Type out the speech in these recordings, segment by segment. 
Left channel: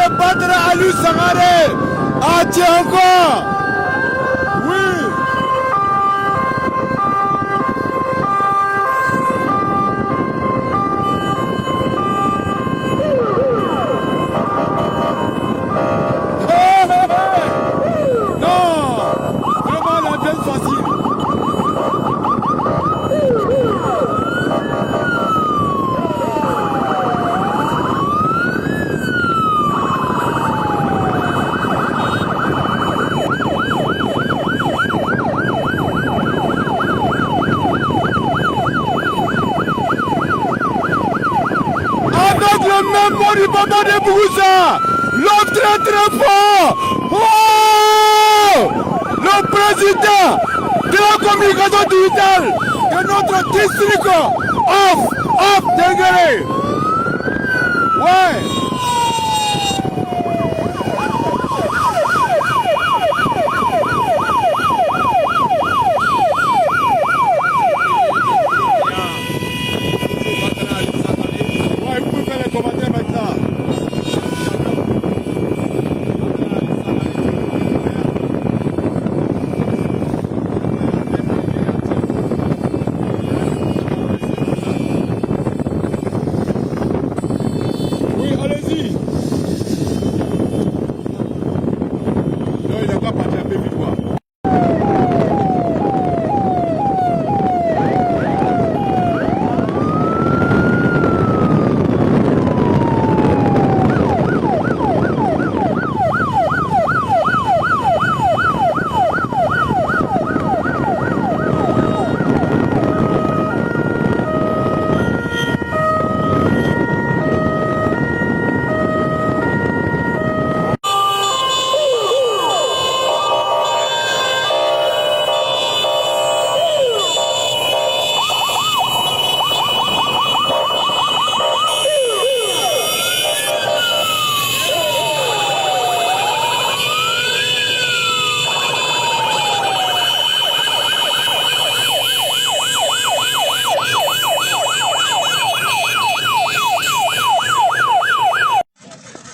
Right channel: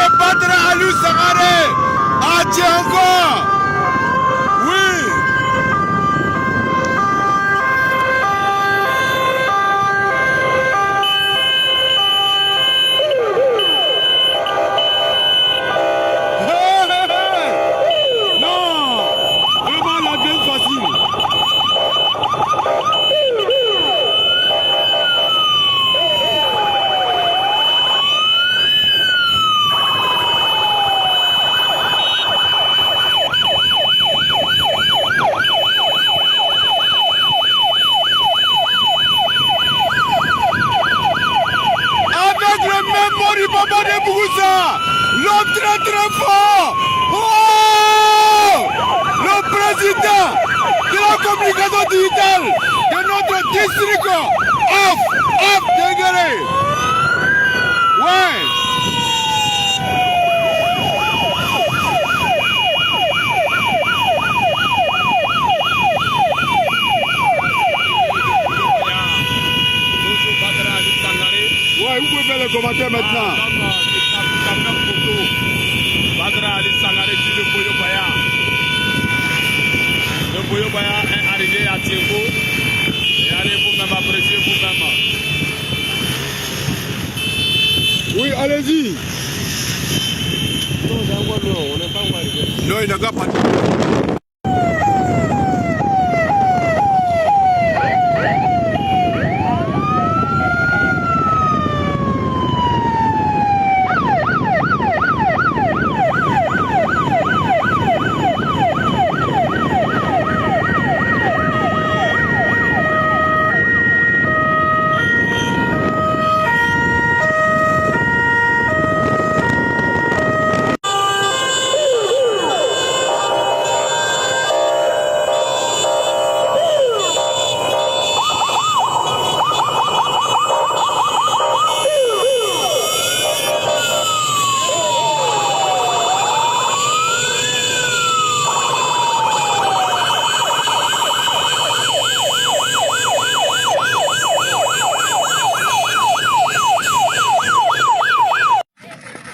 de battre Ali Sangaré. Ah, tiens encore. Oui. Du Baba de Bouroussa, l'homme très fort. Oh, le président de la communication digitale de notre district, off, Dengere. Ouais. Commentaire maintenant. Oui, allez-y. Non, il n'a pas parlé.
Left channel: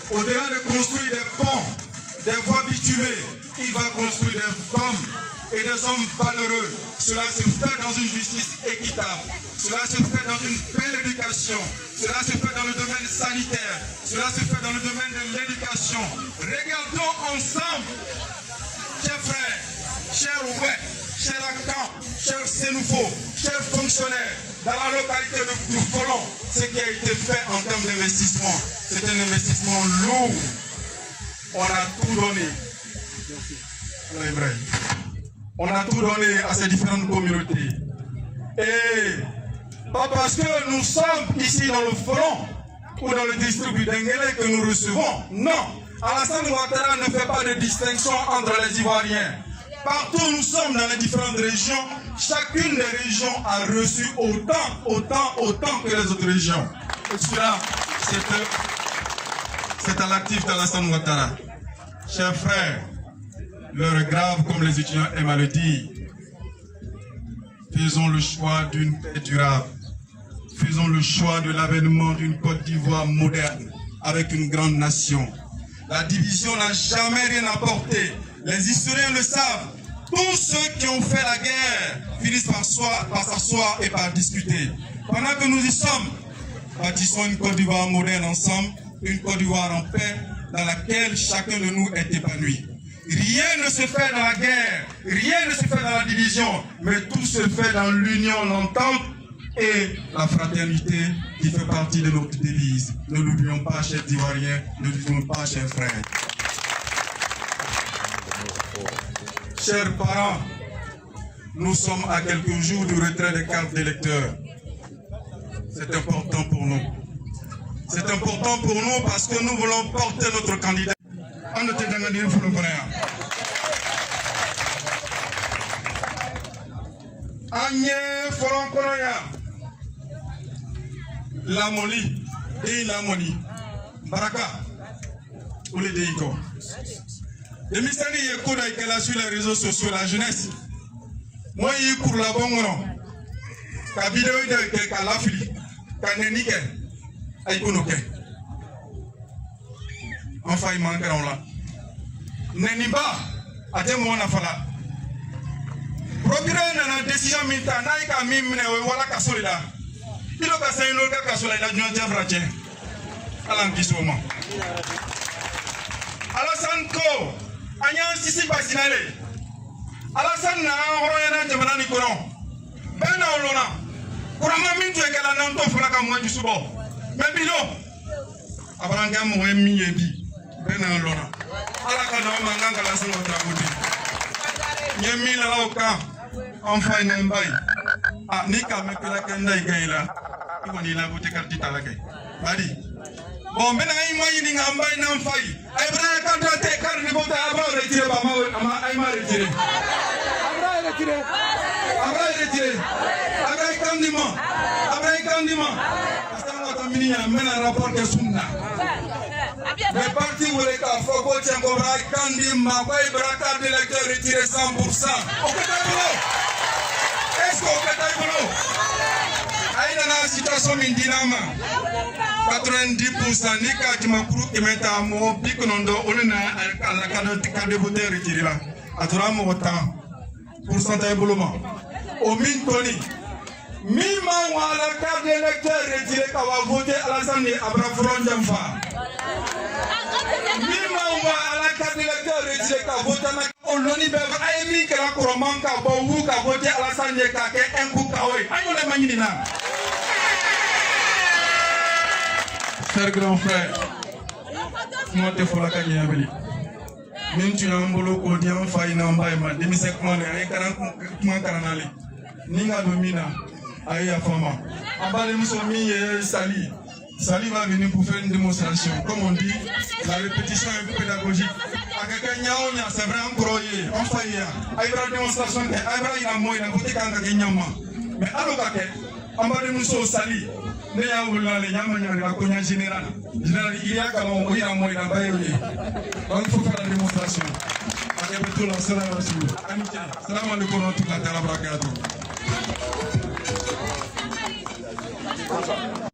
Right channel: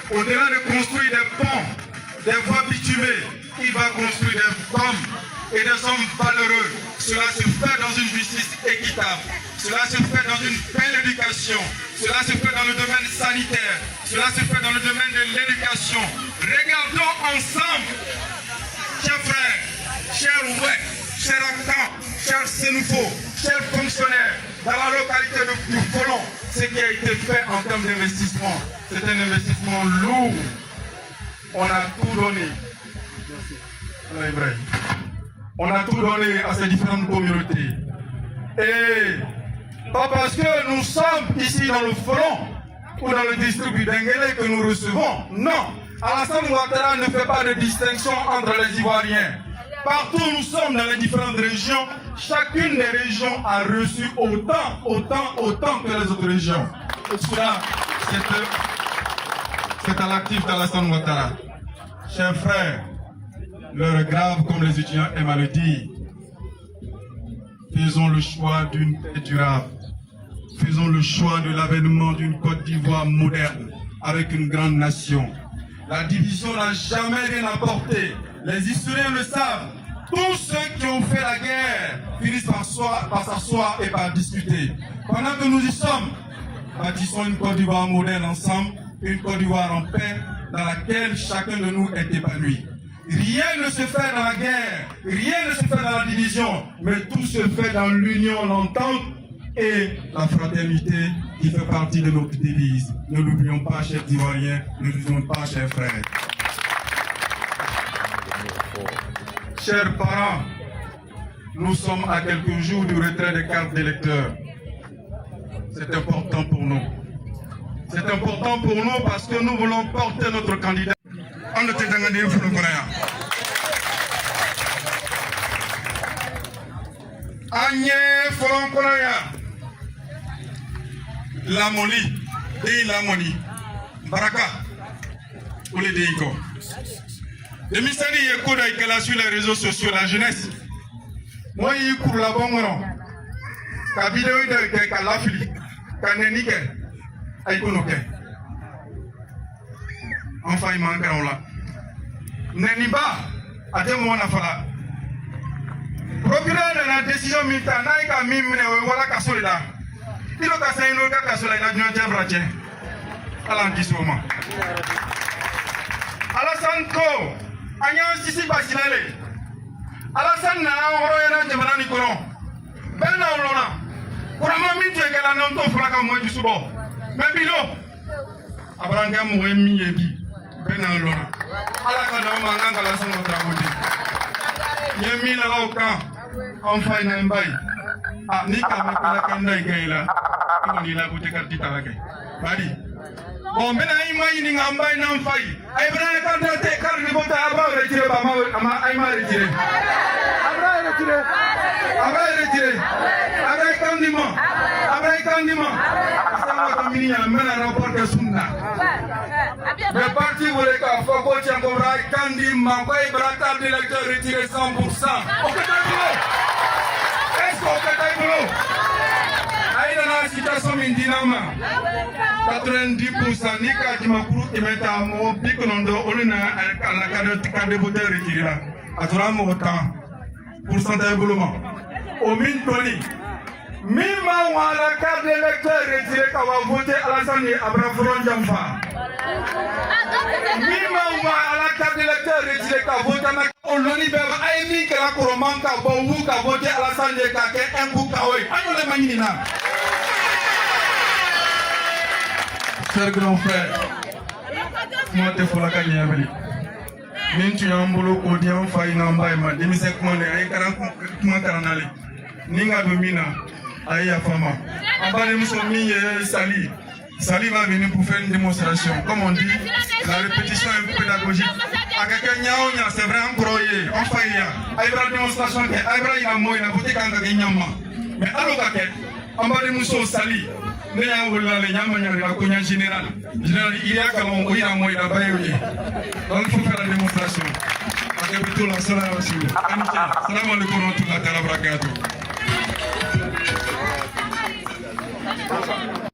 Au-delà de construire des ponts, des voies bitumées, il va construire des femmes et des hommes valeureux. Cela se fait dans une justice équitable. Cela se fait dans une belle éducation. Cela se fait dans le domaine sanitaire. Cela se fait dans le domaine de l'éducation. Regardons ensemble, chers frères, chers oueks, chers acteurs, chers sénoufos, chers fonctionnaires, dans la localité de Bourfolon, ce qui a été fait en termes d'investissement. C'est un investissement lourd. On a tout donné. On a tout donné à ces différentes communautés. Et pas parce que nous sommes ici dans le front ou dans le district du Dengele que nous recevons. Non. Alassane Ouattara ne fait pas de distinction entre les Ivoiriens. Partout où nous sommes dans les différentes régions, chacune des régions a reçu autant que les autres régions. Et cela, c'est à l'actif d'Alassane Ouattara. Chers frères, l'heure est grave comme les étudiants aiment à le dire. Faisons le choix d'une paix durable. Faisons le choix de l'avènement d'une Côte d'Ivoire moderne avec une grande nation. La division n'a jamais rien apporté. Les historiens le savent. Tous ceux qui ont fait la guerre finissent par s'asseoir et par discuter. Pendant que nous y sommes, bâtissons une Côte d'Ivoire moderne ensemble, une Côte d'Ivoire en paix, dans laquelle chacun de nous est épanoui. Rien ne se fait dans la guerre, rien ne se fait dans la division, mais tout se fait dans l'union, l'entente et la fraternité qui fait partie de notre devise. Ne l'oublions pas, chers Ivoiriens, ne l'oublions pas, chers frères. Chers parents, nous sommes à quelques jours du retrait des cartes d'électeurs. C'est important pour nous. C'est important pour nous parce que nous voulons porter notre candidat. La Moli, la Moli, Baraka, ou les Deiko. Le mystère est là sur les réseaux sociaux, la jeunesse. Moi, il pour la bonne nom. La vidéo de Kalafili, Kanenike, Aïkonoke. enfin il manque là. Neniba, à des moments à faire. Procureur de la décision militaire, n'a même voilà qu'à cela. Il a cassé une autre qu'à cela, il a dû en faire à l'antisoma. Alassane Ko, Agnan Sissi Basinale. Alassane n'a pas de Jamana Nicoron. Ben Aulona. Kurama mintu ekala na mto fulaka mwenju subo. Mebilo. Abranga muemi yebi. Ben Aulona. Ala kana manganga la songo tramote. Yemi la oka. Enfin na mbai. Ah ni kama kala kanda igaila. Iko ni la kute kartita lake. Badi. Bon bena imai ni ngambai na mfai. Ai bena kanta te kar ni bota abra retire ba ma ai ma retire. Abra retire. Abra retire. Abra kandima. Abra kandima. Asanga tamini ya mena rapport de sunna. Le parti voulait qu'à Foko Tchangora kandima kwa ibra carte d'électeur retiré 100%. Au Kataïbolo. Est-ce qu'au Kataïbolo? Aïe dans la situation mindinama. 90% ni kati makuru imeta mo bikonondo olina ala kade vote retiré là atura mo autant pourcentage boloma o min toni mima wala carte d'électeur retiré ka va voter Alassane Abra Fron Jamfa mima wala carte d'électeur retiré ka voter na oloni be ay mi kala ko manka bo wu ka voter Alassane ka ke enku ka oy ayole manyina. Cher grand frère, moi te fola ka nyabeli. Nintu yambolo ko diam fay na mbay ma demi sek man ay karan kuma karanale. Ninga domina ay ya fama. Ambale muso mi Sali. Sali va venir pour faire une démonstration. Comme on dit, la répétition est pédagogique. Akaka nyao nya c'est vrai encore yé. On fait ya. Ay bra démonstration ke ay bra ina mo ina bote kanga ke nyama. Mais allo ka ke ambale muso Sali. Ne y'a wula le nyama la konya général. Général il y a comme il a moi il a pas eu. Donc il faut faire la démonstration. Avec tout la salam alaikum tout la barakatuh.